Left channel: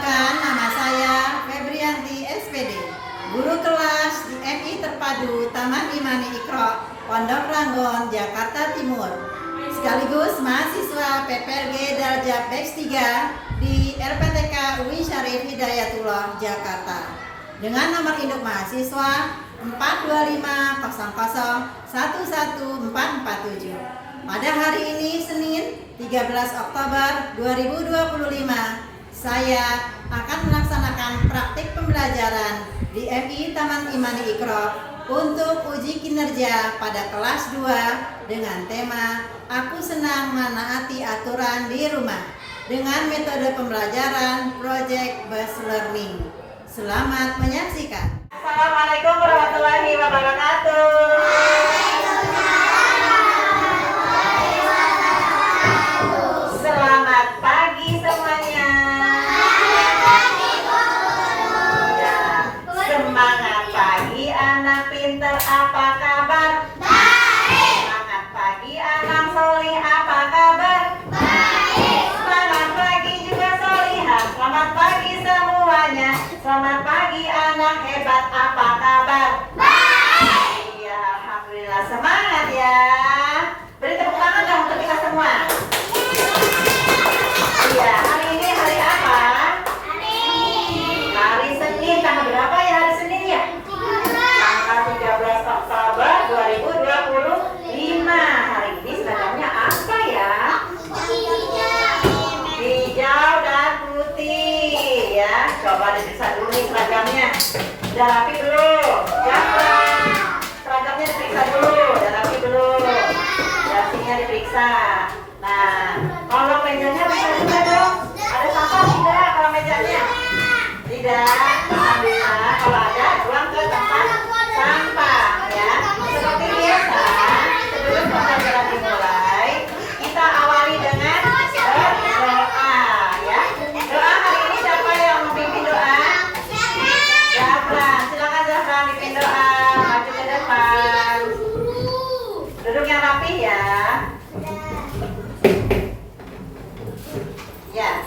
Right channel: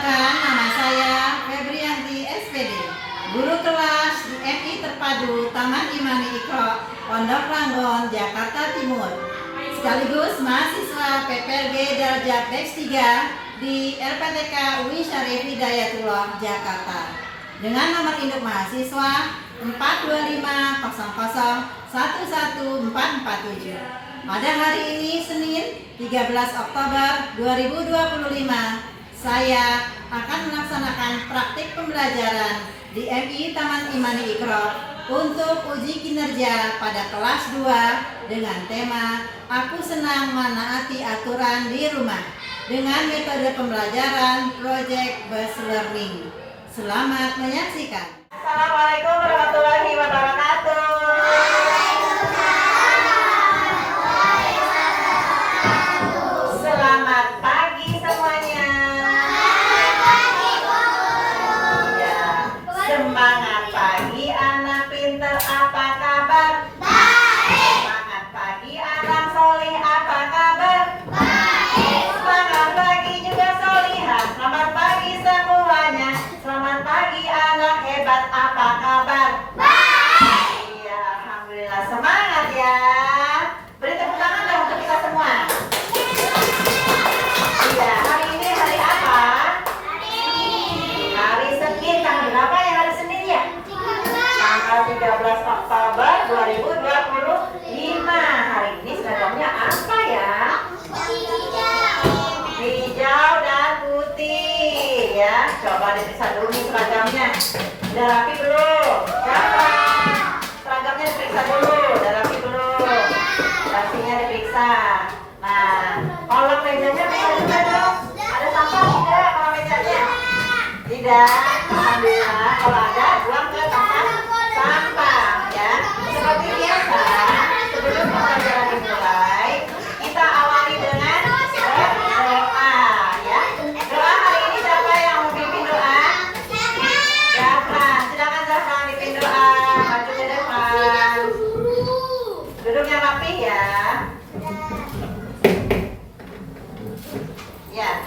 Perkenalkan, nama saya Febrianti SPD, guru kelas di MI Terpadu Taman Imani Iqra, Pondok Ranggon, Jakarta Timur, sekaligus mahasiswa PPLG Darajat Dex 3 di LPTK UI Syarif Hidayatullah, Jakarta, dengan nomor induk mahasiswa 42500111447. Pada hari ini, Senin 13 Oktober 2025, saya akan melaksanakan praktik pembelajaran di MI Taman Imani Iqra untuk uji kinerja pada kelas 2 dengan tema Aku Senang Menaati Aturan di Rumah dengan metode pembelajaran Project Based Learning. Selamat menyaksikan. Assalamualaikum warahmatullahi wabarakatuh. Semangat pagi anak pinter, apa kabar? Baik. Semangat pagi anak solih, apa kabar? Baik. Semangat pagi juga solihah. Selamat pagi semuanya. Selamat pagi anak hebat, apa kabar? Baik. Iya, alhamdulillah, semangat ya. Beri tepuk tangan dong untuk kita semua. Iya, hari ini hari apa? Hari Senin. Tanggal berapa ya hari Senin ya? Tanggal 13 Oktober 2025. Hari ini seragamnya apa ya? Hijau dan putih ya. Coba diperiksa dulu nih seragamnya. Udah rapi belum? Jangan. Seragamnya diperiksa dulu. Udah rapi belum? Rapinya diperiksa. Nah, kalau mejanya bisa juga dong. Ada sampah tidak kalau mejanya? Tidak. Alhamdulillah, kalau ada buang ke tempat sampah ya. Seperti biasa, sebelum pembelajaran dimulai, kita awali dengan berdoa ya. Doa hari ini siapa yang memimpin doa? Zahran. Silakan Zahran pimpin doa. Maju ke depan. Duduk yang rapi ya. Ya.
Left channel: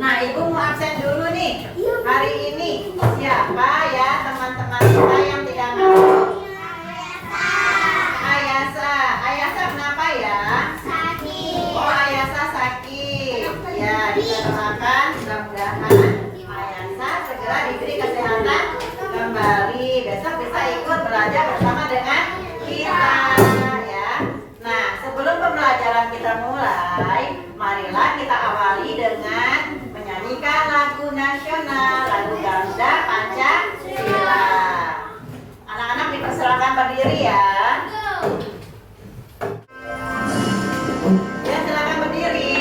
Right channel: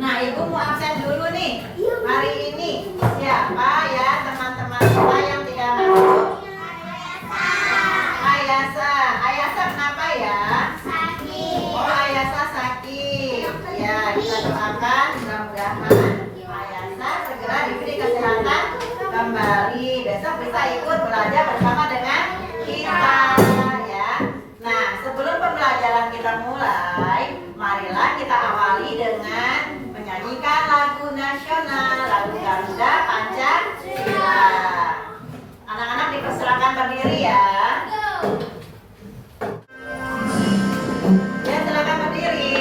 Nah, Ibu mau absen dulu nih. Hari ini siapa ya teman-teman kita yang tidak masuk? Ayasa. Ayasa kenapa ya? Sakit. Oh, Ayasa sakit. Ya, kita doakan mudah-mudahan Ayasa segera diberi kesehatan kembali. Besok bisa ikut belajar bersama dengan kita ya. Nah, sebelum pembelajaran kita mulai, marilah kita awali dengan menyanyikan lagu nasional, lagu Garuda Pancasila. Anak-anak dipersilakan berdiri ya. Ya, silakan berdiri.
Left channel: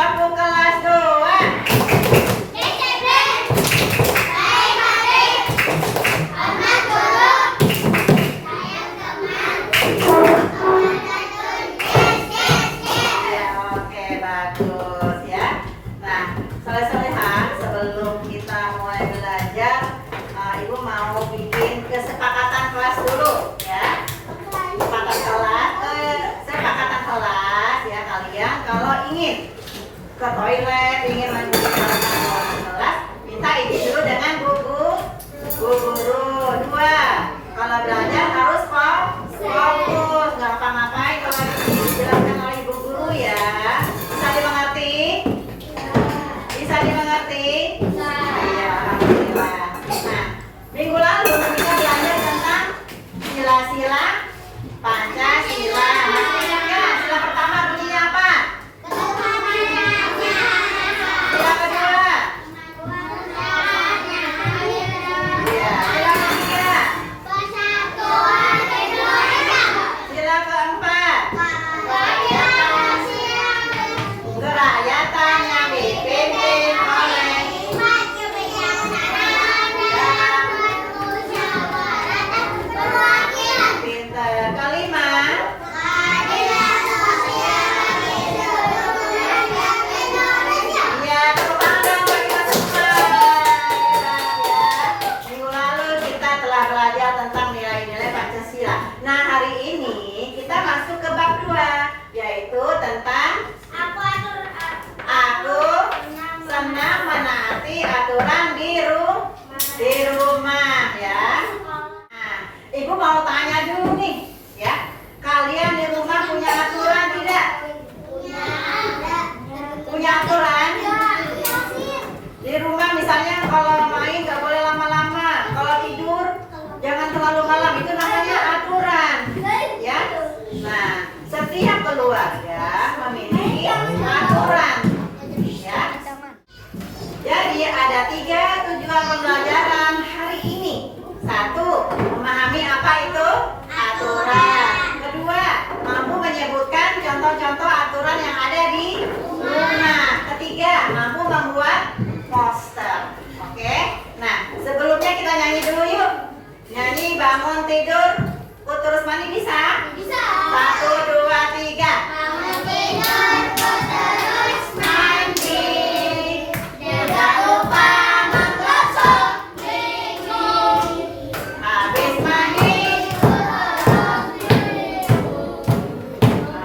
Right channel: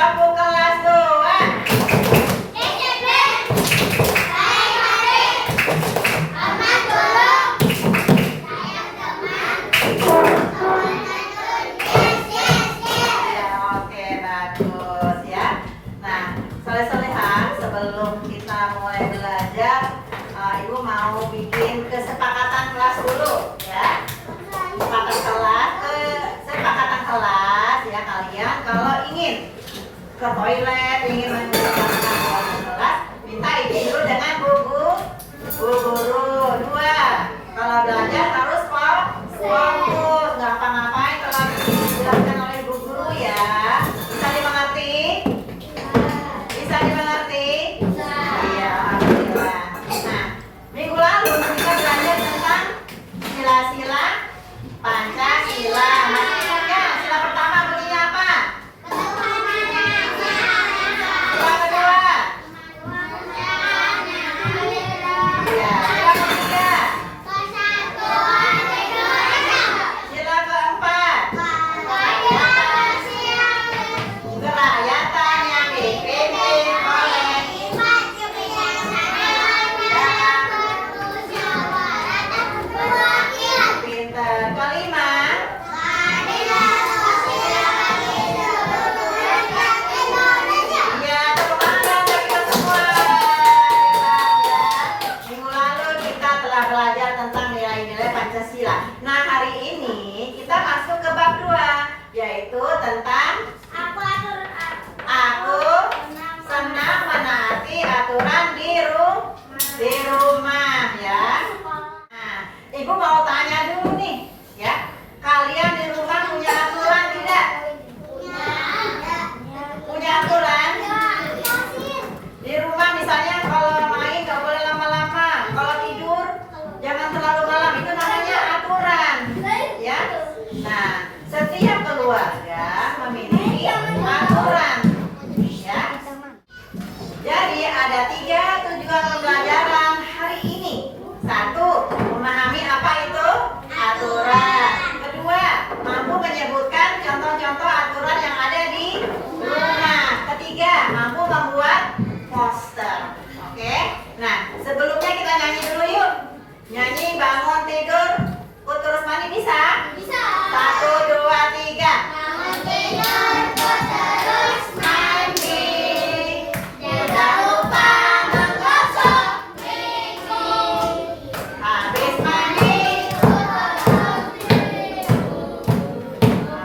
Tepuk kelas doa. Ya, oke, bagus ya. Nah, soleh-solehan, sebelum kita mulai belajar, Ibu mau bikin kesepakatan kelas dulu ya. Kesepakatan kelas ya, kalian kalau ingin ke toilet, ingin menunjukkan kelas, minta izin dulu dengan bu guru. 2, kalau belajar harus fokus, nggak apa-ngapain kalau dijelaskan oleh ibu guru ya. Bisa dimengerti? Bisa dimengerti? Iya, alhamdulillah. Nah, minggu lalu kita belajar tentang sila-sila Pancasila. Masih ingat nggak? Sila pertama bunyinya apa? Sila kedua? Iya. Sila ketiga? Sila keempat? Kerakyatan yang dipimpin oleh pinter. Kelima? Iya, tepuk tangan bagi kita semua. Hebat ya. Minggu lalu kita telah belajar tentang nilai-nilai Pancasila. Nah, hari ini kita masuk ke bab 2, yaitu tentang aku senang menaati aturan di rumah ya. Nah, Ibu mau tanya dulu nih ya. Kalian di rumah punya aturan tidak? Punya aturan? Di rumah misalnya kalau main nggak boleh lama-lama, kalau tidur jangan terlalu malam, itu namanya aturan ya. Nah, setiap keluarga memiliki aturan ya. Jadi ada 3 tujuan pembelajaran hari ini. 1, memahami apa itu aturan. 2, mampu menyebutkan contoh-contoh aturan yang ada di rumah. 3, mampu membuat poster. Oke. Nah, sebelumnya kita nyanyi dulu yuk. Nyanyi bangun tidur, terus mandi bisa? Bisa. 1, 2, 3. Bangun tidur, terus mandi. Jangan lupa menggosok gigi. Habis mandi,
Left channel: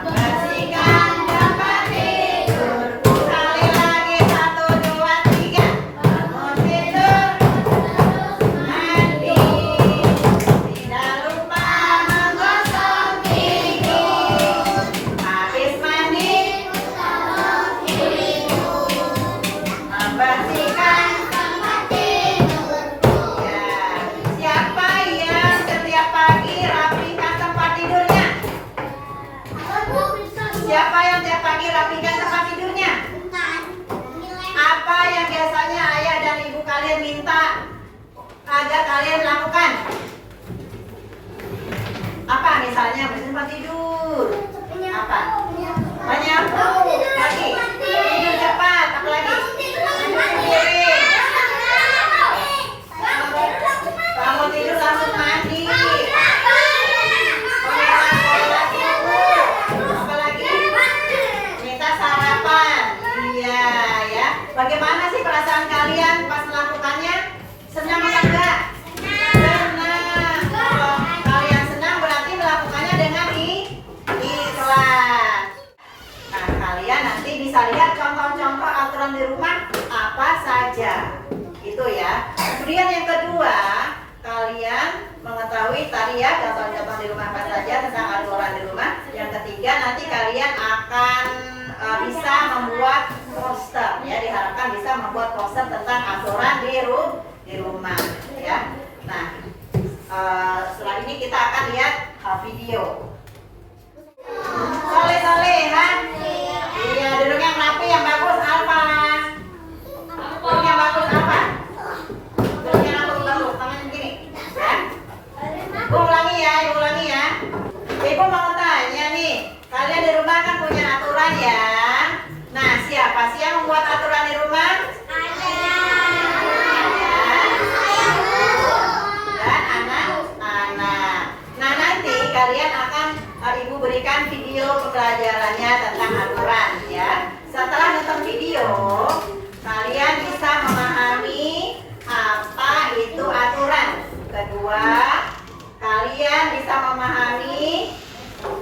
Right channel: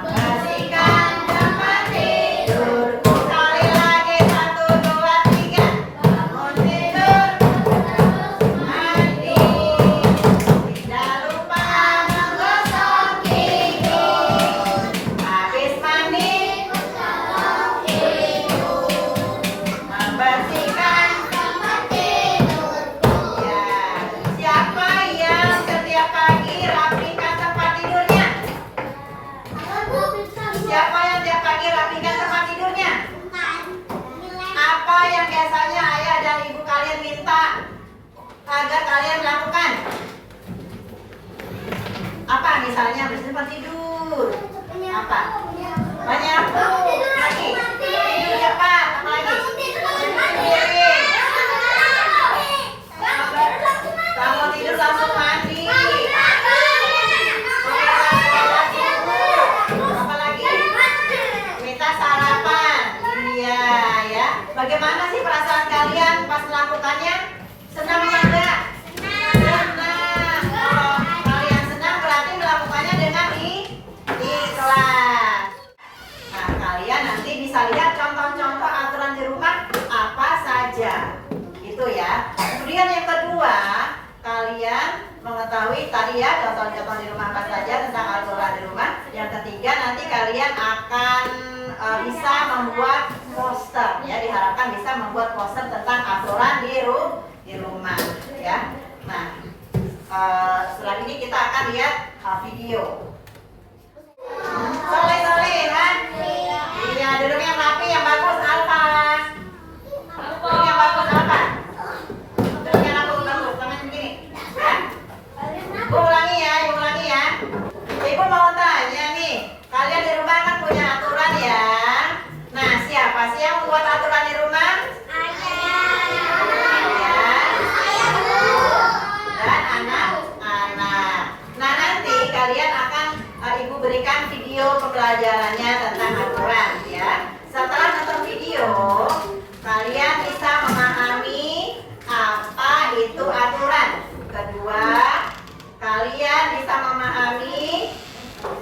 membersihkan tempat tidur. Sekali lagi, 1, 2, 3. Bangun tidur, terus mandi. Tidak lupa menggosok gigi. Habis mandi, membersihkan tempat tidurku. Ya, siapa yang setiap pagi rapikan tempat tidurnya? Siapa yang setiap pagi rapikan tempat tidurnya? Apa yang biasanya ayah dan ibu kalian minta agar kalian lakukan? Apa misalnya bersih tempat tidur? Apa? Menyapu. Lagi. Tidur cepat. Apa lagi? Piring. Bangun tidur langsung mandi. Apa lagi? Minta sarapan. Iya ya. Bagaimana sih perasaan kalian pas melakukannya? Senang apa enggak? Senang. Kalau kalian senang berarti melakukannya dengan ikhlas. Nah, kalian nanti bisa lihat contoh-contoh aturan di rumah apa saja. Itu ya. Kemudian yang kedua, kalian mengetahui tadi ya contoh-contoh di rumah apa saja tentang aturan di rumah. Yang ketiga, nanti kalian akan bisa membuat poster ya, diharapkan bisa membuat poster tentang aturan di rumah ya. Nah, setelah ini kita akan lihat video. Soleh-solehan. Iya, duduk yang rapi, yang bagus, Alfa. Duduk yang bagus, Alfa. Duduk yang bagus, tangan begini. Ya. Ibu ulangi ya, Ibu ulangi ya. Ibu mau tanya nih, kalian di rumah kan punya aturan ya. Nah, siapa Siapa sih yang membuat aturan di rumah? Dan anak-anak. Nah, nanti kalian akan Ibu berikan video pembelajarannya tentang aturan ya. Setelah nonton video, kalian bisa memahami apa itu aturan. Kedua, kalian bisa memahami,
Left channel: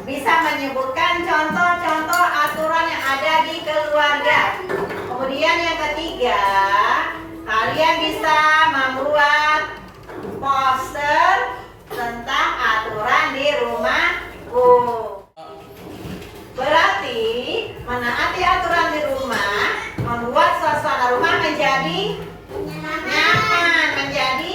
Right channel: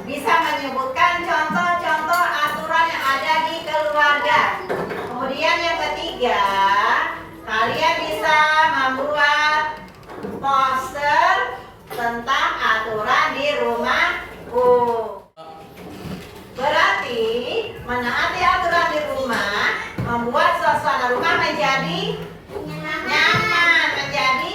bisa menyebutkan contoh-contoh aturan yang ada di keluarga. Kemudian yang ketiga, kalian bisa membuat poster tentang aturan di rumahku. Berarti menaati aturan di rumah membuat suasana rumah menjadi nyaman, menjadi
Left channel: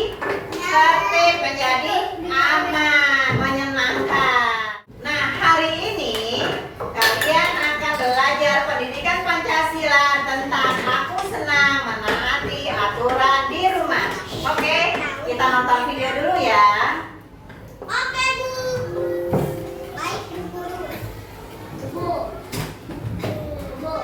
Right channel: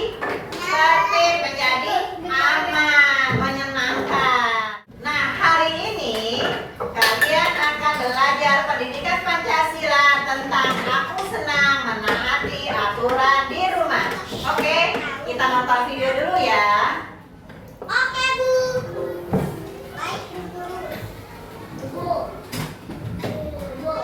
tertib, menjadi aman, menyenangkan. Nah, hari ini kalian akan belajar pendidikan Pancasila tentang aku senang menaati aturan di rumah. Oke, kita nonton video dulu ya. Oke, Bu. Baik, Bu. Bu. Bu.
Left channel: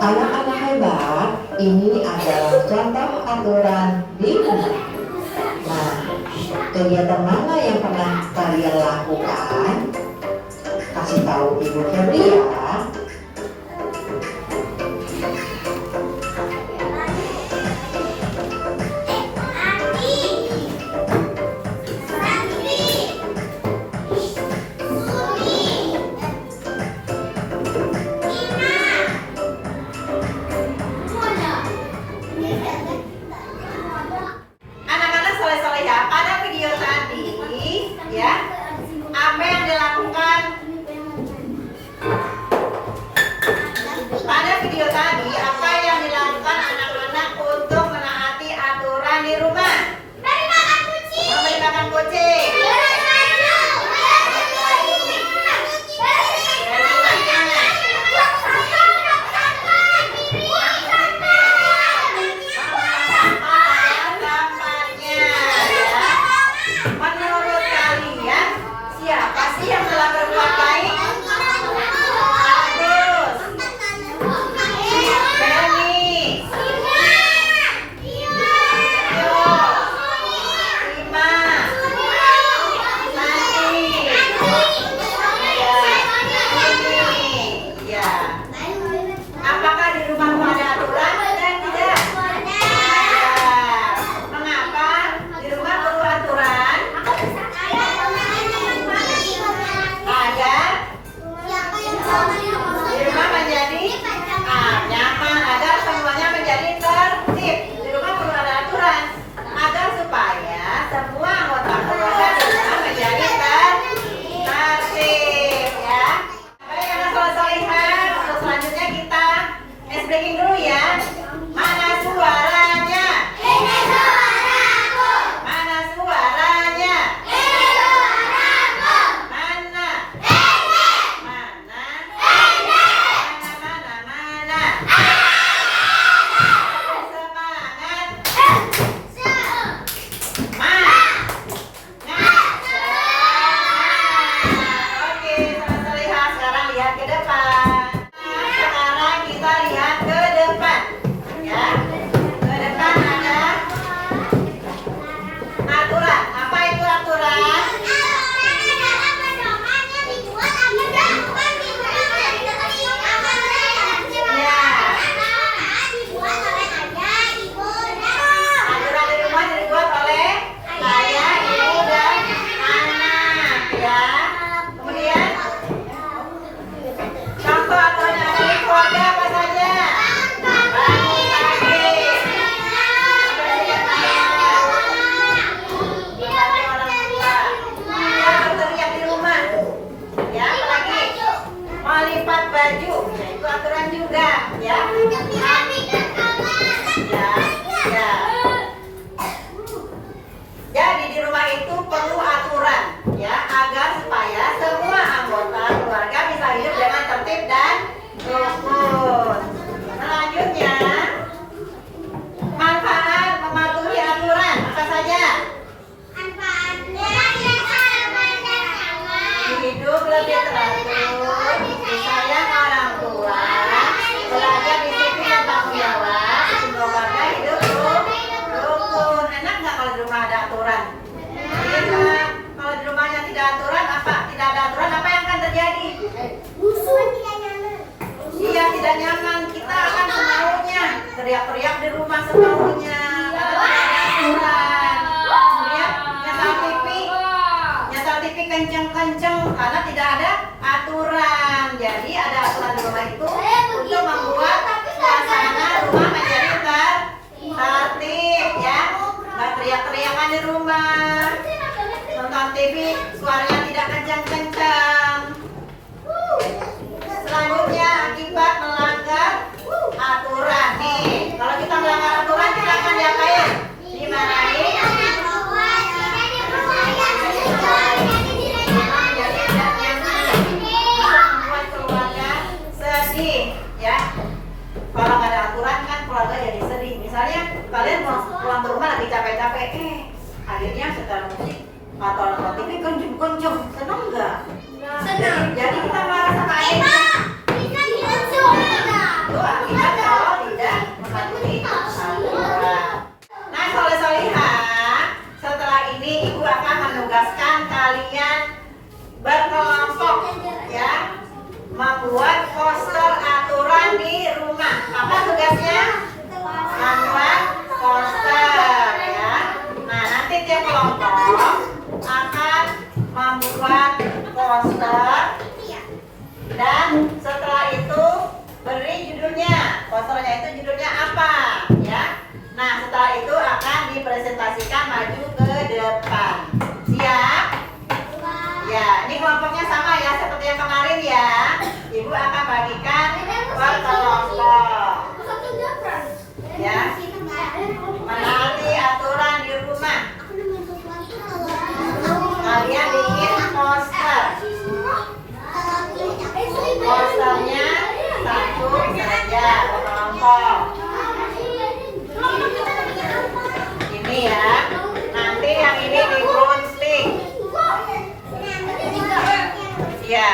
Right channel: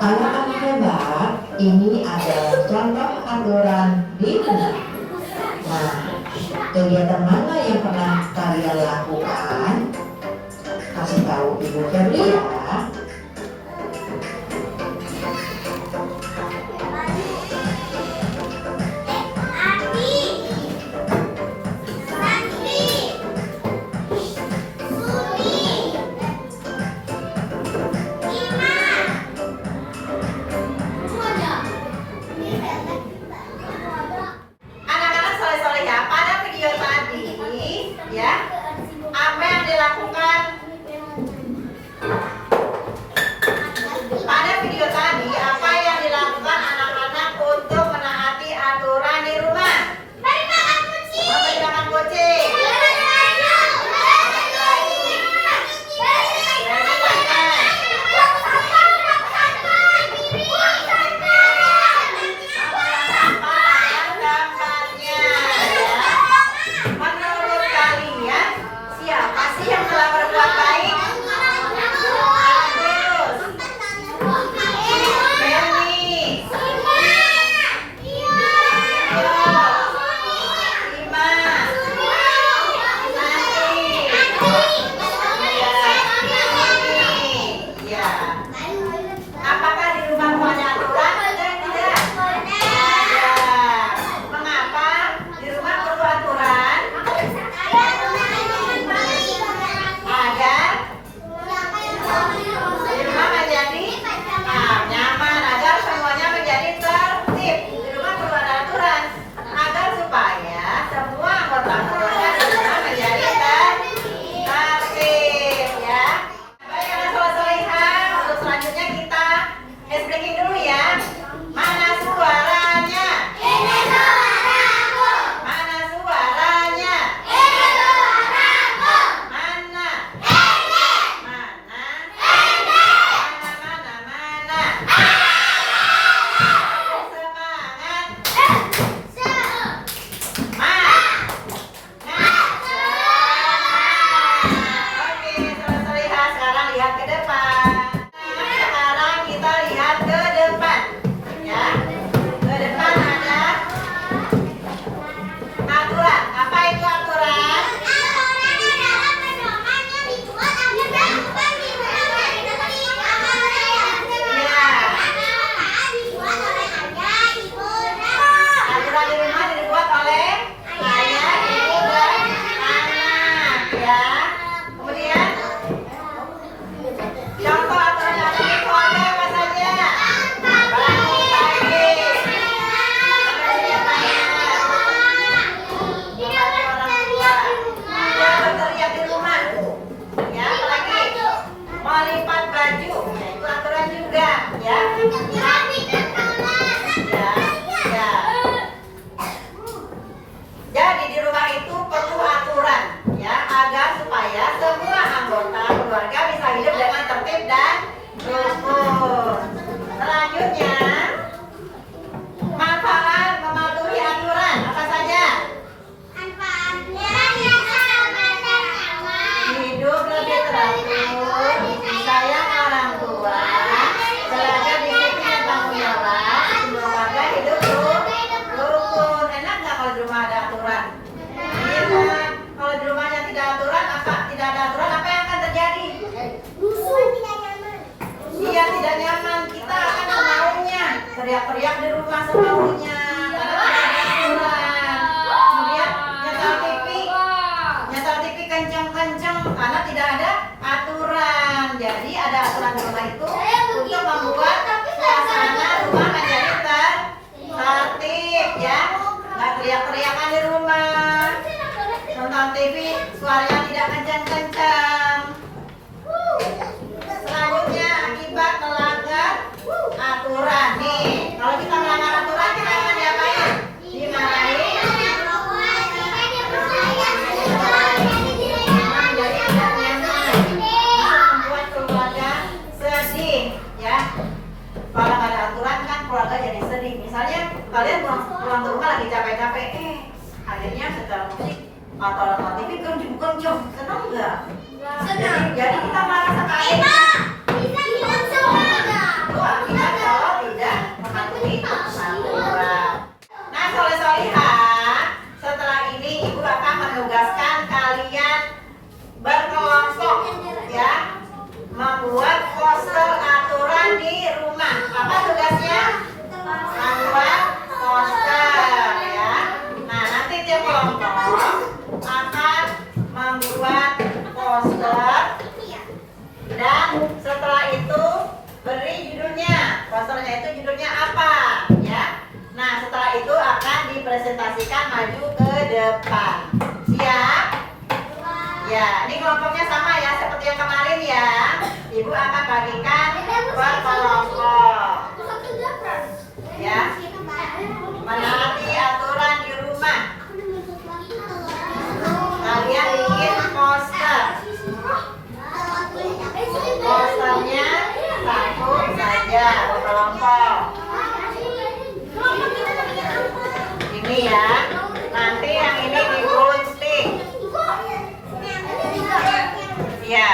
Anak-anak hebat, ini adalah contoh aturan di rumah. Nah, kegiatan mana yang pernah kalian lakukan? Kasih tahu Ibu Febri ya. Anak-anak soleh-soleh ya, pada video tadi ya, apa yang dilakukan? Pada video tadi, apa yang dilakukan anak-anak untuk menaati aturan di rumah? Beri makan kucing. Memberi makan kucing. Menurut kalian, siapa sih yang telah berbuat baik? Agus, Benny, Rima, Santi, ya. Apakah di rumahmu ada aturan dan tidak? Ada. Mengapa di rumah perlu aturan? Agar di rumah menjadi nyaman, agar semuanya menjadi tertib. Di rumah perlu ada aturan agar supaya semua anggota keluarga di rumah menjadi tertib ya. Baik, anak soleh-solehah, untuk selanjutnya kita breaking dulu ya. Mana suaranya? Ini suaraku. Mana suaranya? Ini suaraku. Mana? Ini. Mana? Ini. Mana? Semangat. Oke, soleh-solehah, sekarang lihat ke depan. Sekarang kita lihat ke depan. teriak-teriak di rumah semaunya karena tidak ada aturan. Kemudian nyetel TV kenceng-kenceng karena tidak ada aturan. Jadi ada aturan di rumah itu untuk membuat suasana rumah menjadi tertib ya. Nggak teriak-teriakan di rumah. Nonton TV suaranya tidak kencang-kencang. Selanjutnya akibat melanggar aturan nih. Kalau kita melanggar aturan kita akan diapain? Dimarahin. Membuat keluarga sedih ya. Kalau nggak ada aturan kan keluarga jadi sedih. Misalnya kalian pulang ke rumah lagi capek-capek, akhirnya setel musik atau nonton TV kenceng-kenceng, senang nggak? Jadi kita marah sama ayahnya. Akibat kalau tidak mematuhi aturan. Nah, soleh-solihah, setelah ini ibu akan menugaskan kalian berkelompok ya, membuat poster aturan di rumah. Apa tugasnya? Membuat poster ya. Nah, nanti tiap kelompok akan membuat poster dan setelah itu beri judulnya. Posternya itu judulnya apa ya. Nah, setelah itu akan dipresentasikan maju ke depan. Siap? Ya, ini kelompoknya sama ya seperti yang kemarin ya. Ibu akan bagikan per kelompok. Ya. Menaati aturan di rumah. Kalian bikin poster. Posternya satu saja berkelompok. Ini ya. Nanti yang ini digunting. Ya.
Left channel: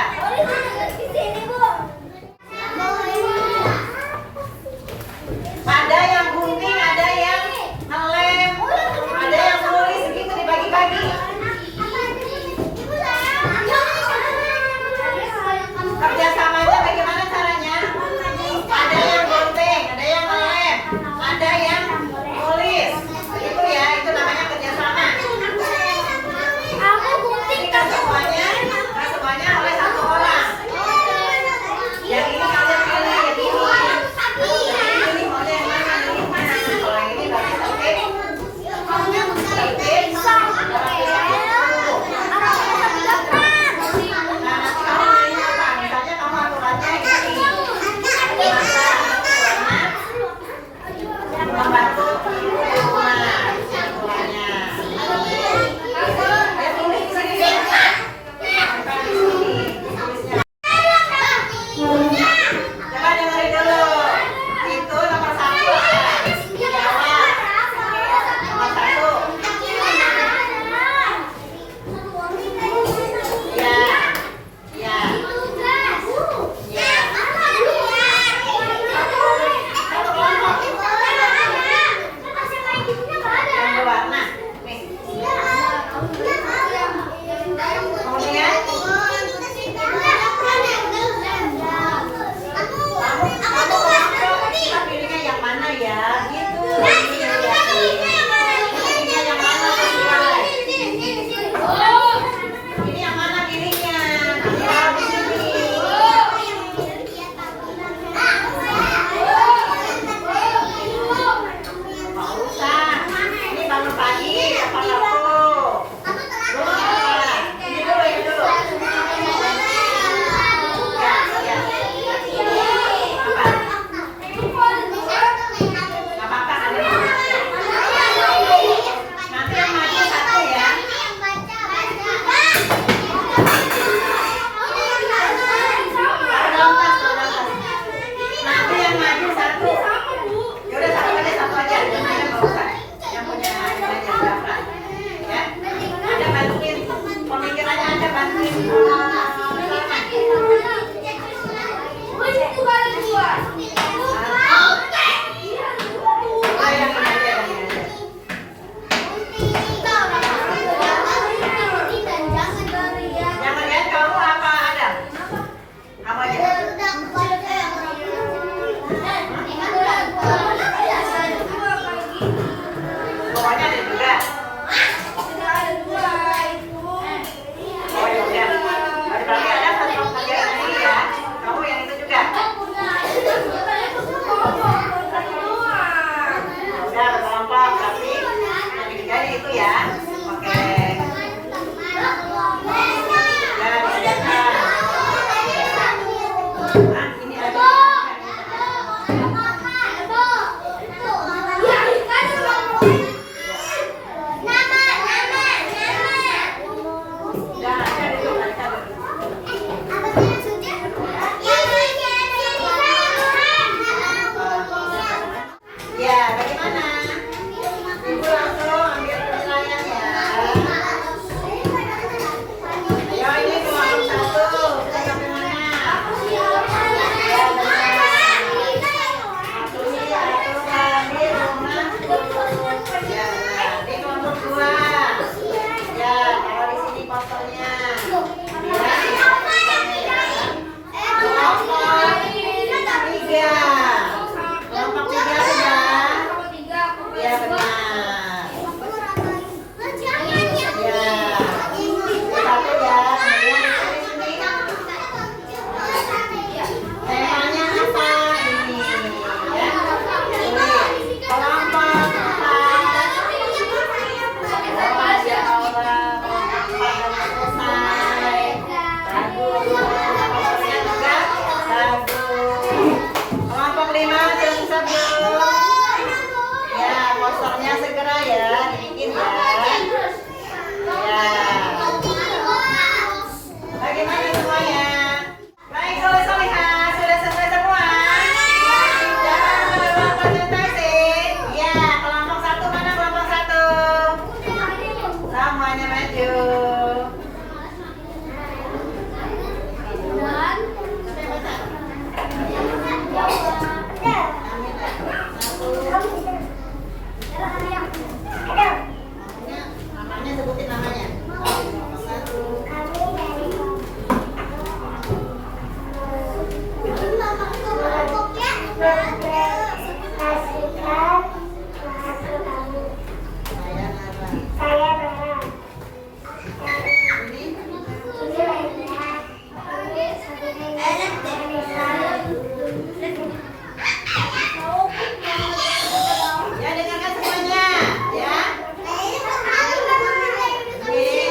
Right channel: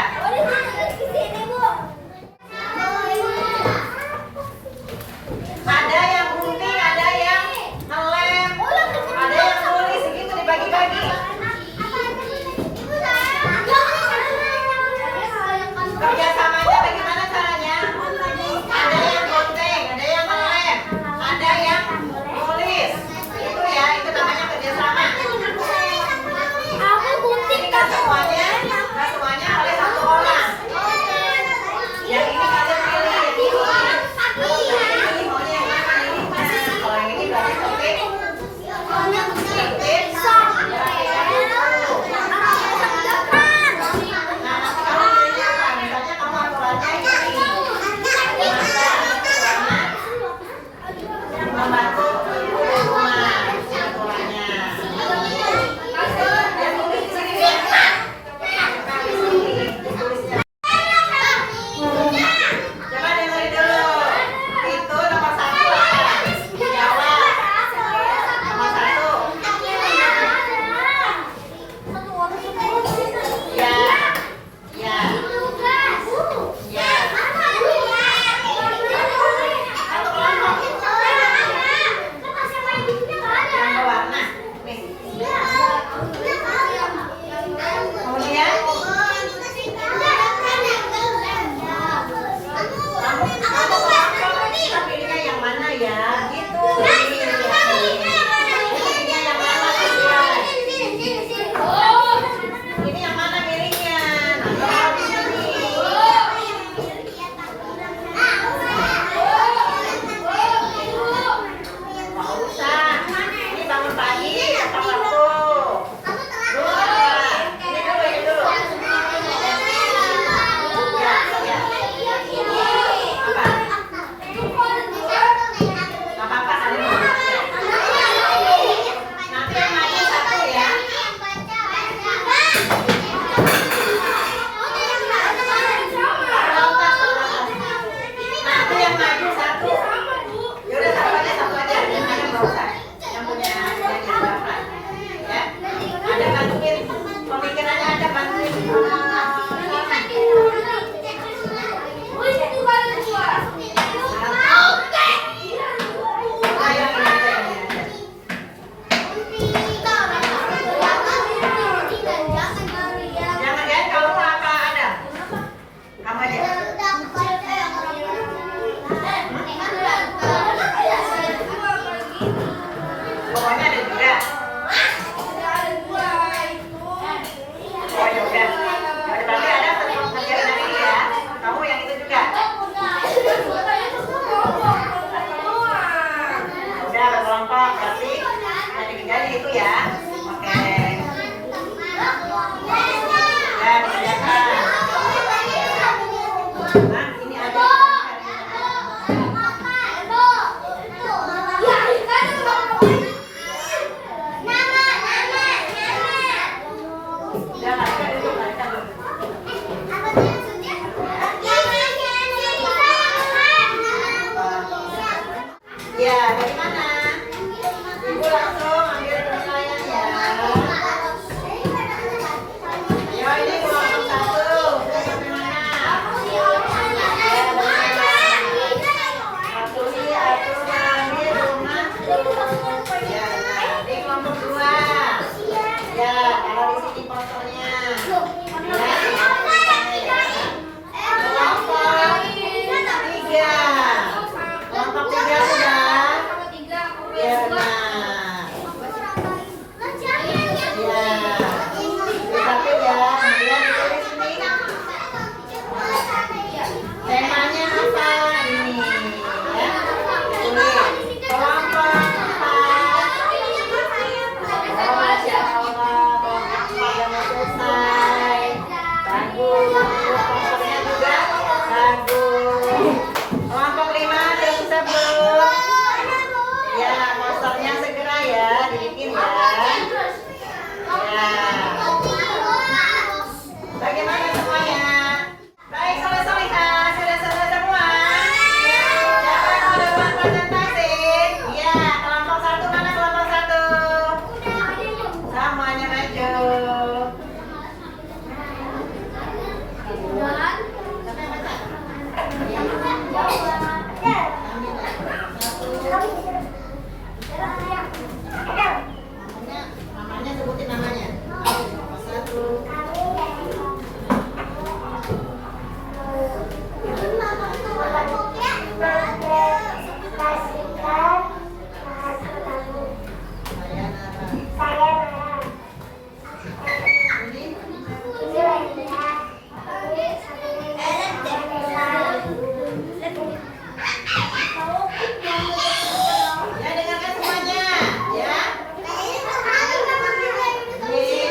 Ya, bagaimana? Ibu langsung ambil penilaian ya. Ayo, ini kelompok 1. Kita sampai mana? Ya, satunya aturan di rumah. Ya, ini kelompok 2. Ya, kalau di sini fotonya. Kelompok 3 sudah. Ya, benar. Ya. Satu ya. Kemudian di sini. Temanya apa ini? Ya. Ini kelompok 4. Oh, Masya Allah. Kelompok 4 sudah selesai. Bagus. Kelompoknya juga bagus. Kelompok 5 sudah bisa belum? Ya, posternya segera ya, dibikin ya. Ya. Bagaimana semuanya? Baik, Soleh-Soleha, sudah selesai semua? Siapa yang mau duluan presentasi? Ya, kelompok 1 mana kelompok 1? Semuanya maju. Namanya sebutin namanya. Kelompok 1. Saya Nara. Ini ya, dengarkan semuanya ya.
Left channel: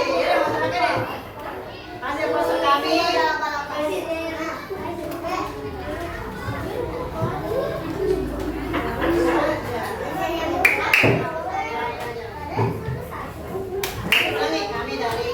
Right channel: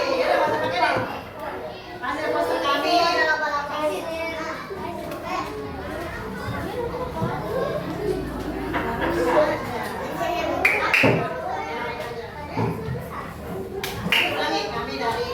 Iya, udah masuk aja deh. Hasil poster kami. Kami dari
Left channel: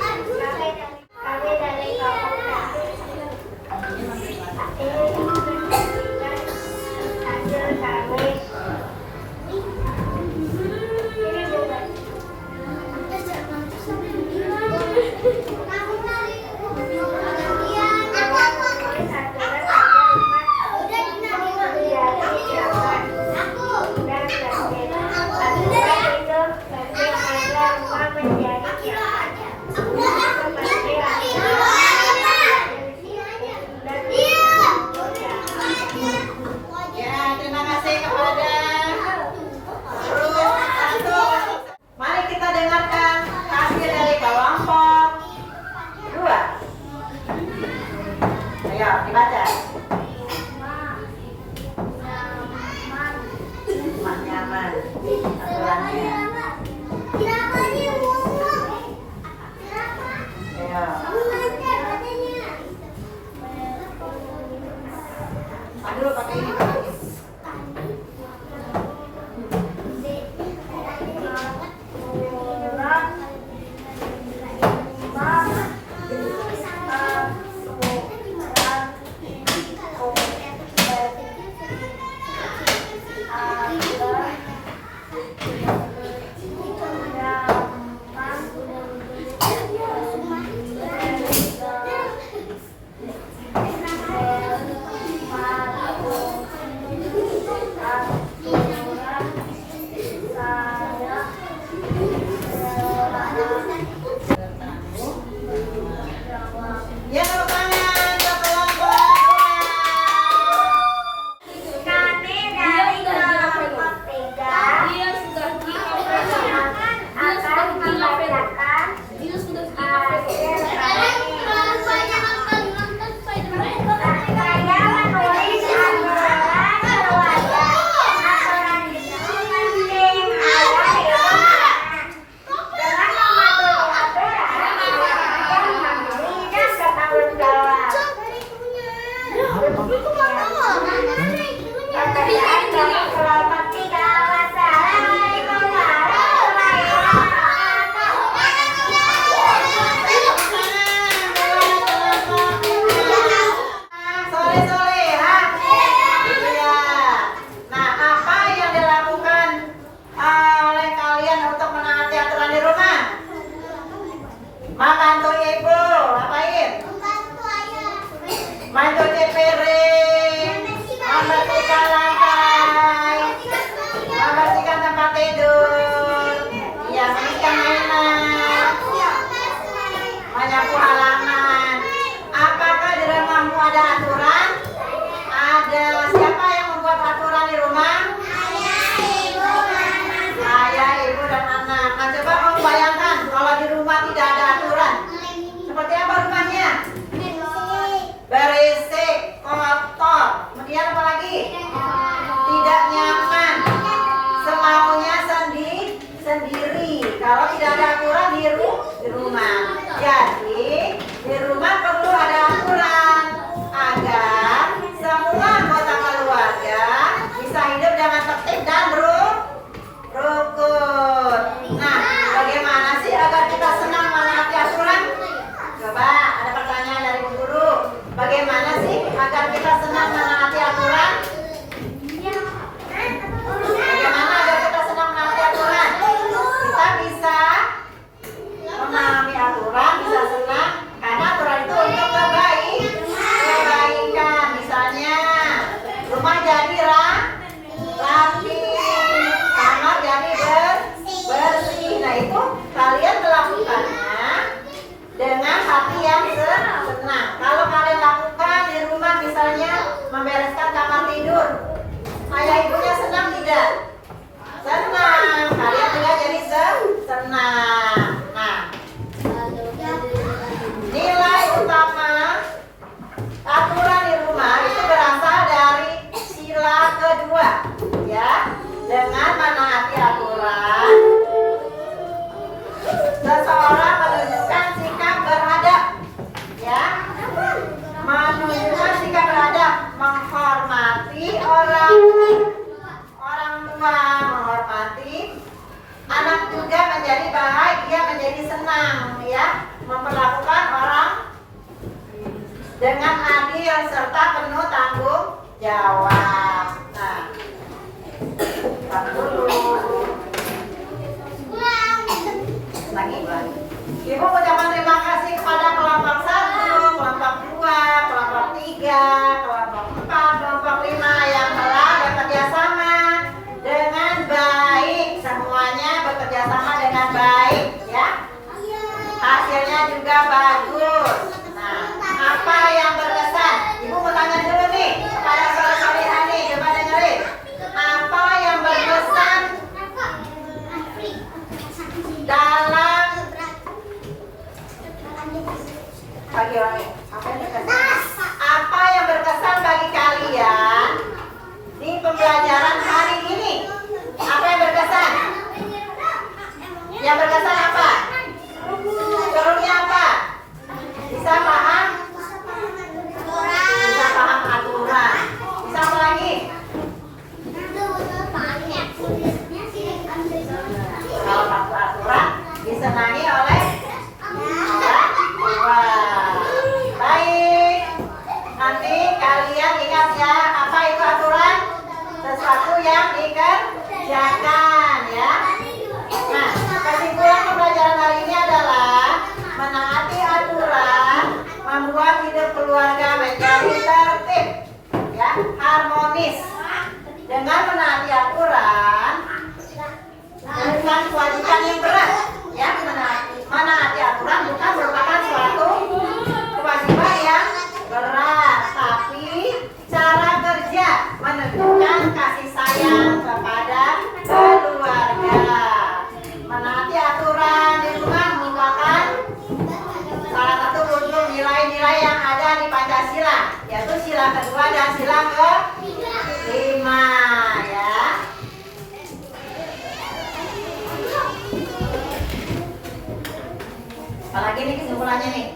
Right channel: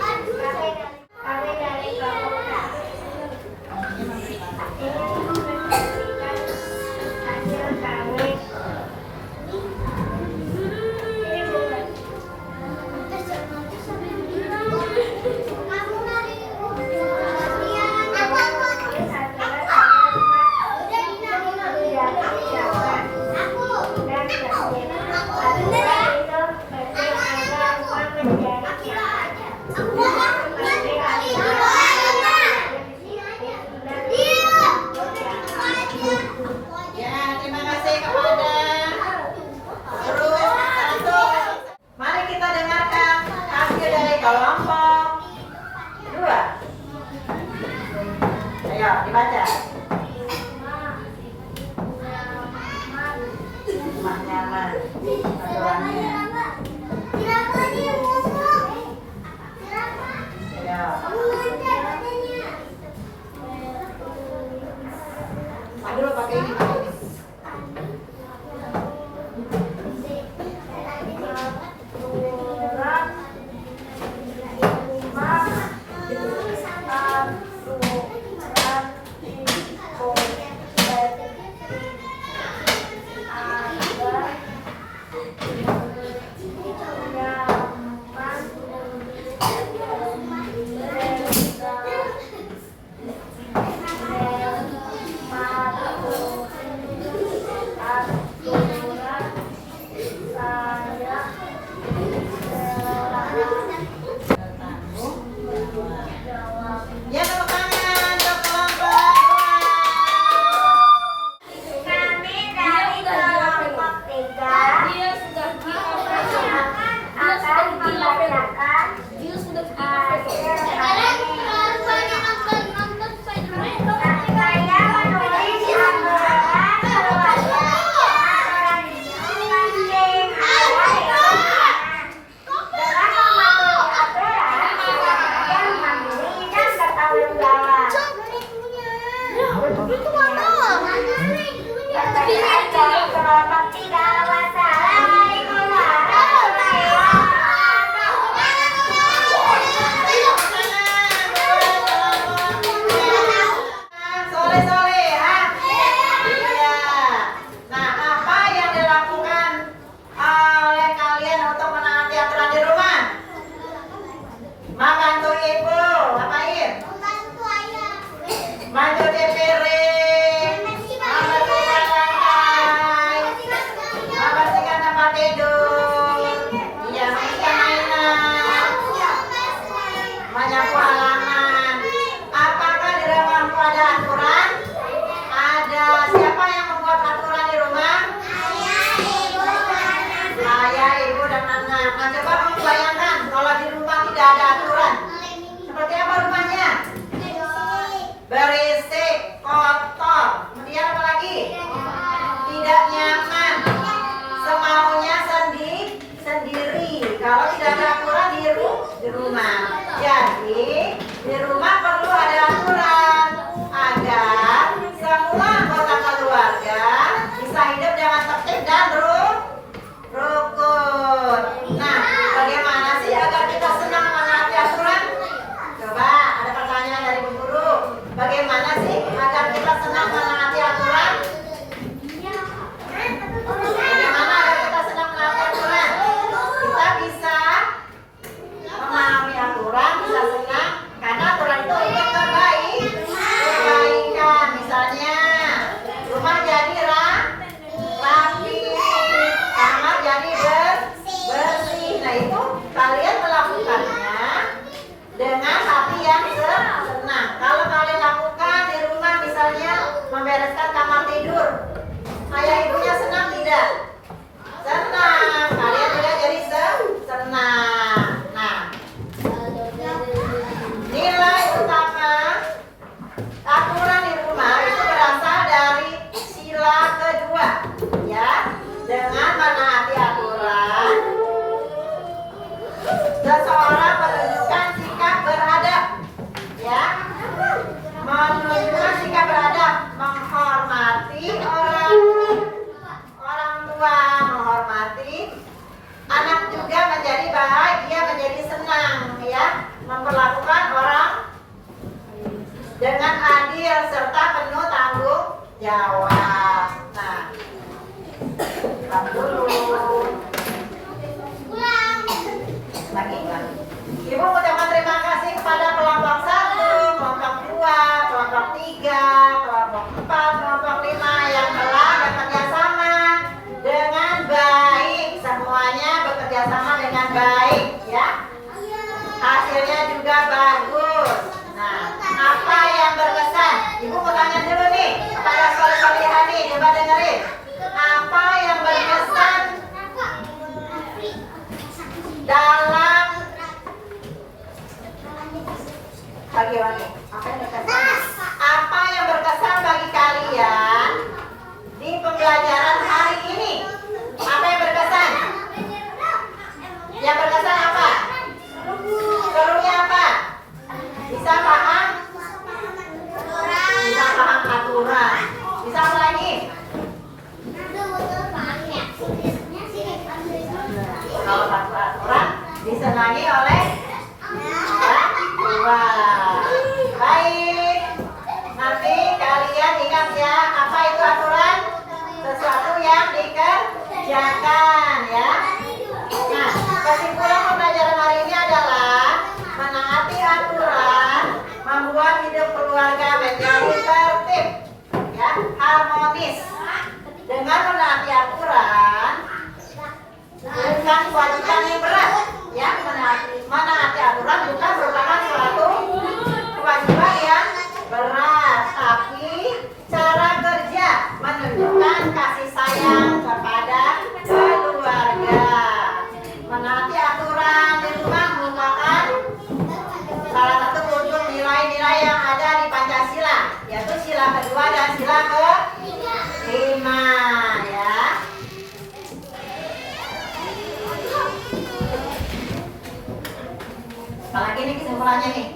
ya, terima kasih kepada guru 1. Mari kita dengarkan hasil dari kelompok 2. Ayo, dibaca. Rumah nyaman. Aturannya. Ayo. Aduh, pakai ini, pakai ini. Ya, tepuk tangan untuk kelompok 2. Kami dari kelompok 3. Seperti apa rumahnya? Berisik, kotor. Kemudian apa lagi? Tidak nyaman. Semaunya sendiri. Kalau tidak ada aturan di rumah. Jadi di rumah perlu ada aturan agar semua anggota keluarga bisa hidup dengan tertib dan rukun. Nah, bagaimana sih agar kita senang menaati aturan? Coba ada pertanyaan dari Bu Guru. Bagaimana sih agar kita senang menaati aturan? Bagaimana agar kita senang menaati aturan? Kita bisa memahami aturan, bisa senang karena aturan itu untuk kebaikan. Misalnya rumah jadi rapi, kamar jadi bersih. Nah itu kalian melakukannya dengan hati yang senang. Kalau kalian lakukan di rumah misalnya membereskan kamar tidur, ayah ibunya senang tidak? Senang. Kalian juga jadi senang. Nah, nilai utama aturan di rumah itu berasal dari sila kedua, ya. Dengan menaati aturan, seseorang menunjukkan sikap beradab, ya. Menunjukkan sikap beradab, menghormati orang tua, menghormati anak juga menjadi baik, dia menjadi senang, ya. Memperlakukan orang dengan adil serta penuh tanggung jawab. Nah, dulu. Lagi. Ibu ucapkan terima kasih kepada kelompok 1, kelompok 2, kelompok 3, kelompok 4, kelompok 5 yang telah bekerja sama dengan baik. Semuanya bekerja sama dengan baik, ya. Hasilnya juga bagus. Nah, apa yang berkesan? Ibu mau tanya dulu nih kepada soleh-solehan nih, coba dengerin. Apa yang berkesan dalam bagi orang ini? Apa yang berkesan bagi kalian di pembelajaran hari ini? Apa yang berkesan? Yang berkesan apa? Serunya apa? Bisa paham? Bisa paham aturan. Bisa apa lagi? Kalau patuh aturan disenangi oleh orang tua. Baik. Nanti kalian ingat ya, apa itu aturan? Sesuatu yang dikerjakan, ya. Nah, kesimpulan pembelajaran hari ini adalah menaati aturan membuat hidup keluarga menjadi tertib, ya, harmonis. Dengan menaati aturan bukan kewajiban yang berat, ya. Menaati aturan bukan merupakan suatu kewajiban yang berat, tapi cara kerja menunjukkan kasih sayang kepada keluarga. Menaati aturan di rumah merupakan salah satu wujud nilai-nilai yang ada di Pancasila, yaitu sila kedua dan sila kelima, ya. Apalagi nih kesimpulannya nih.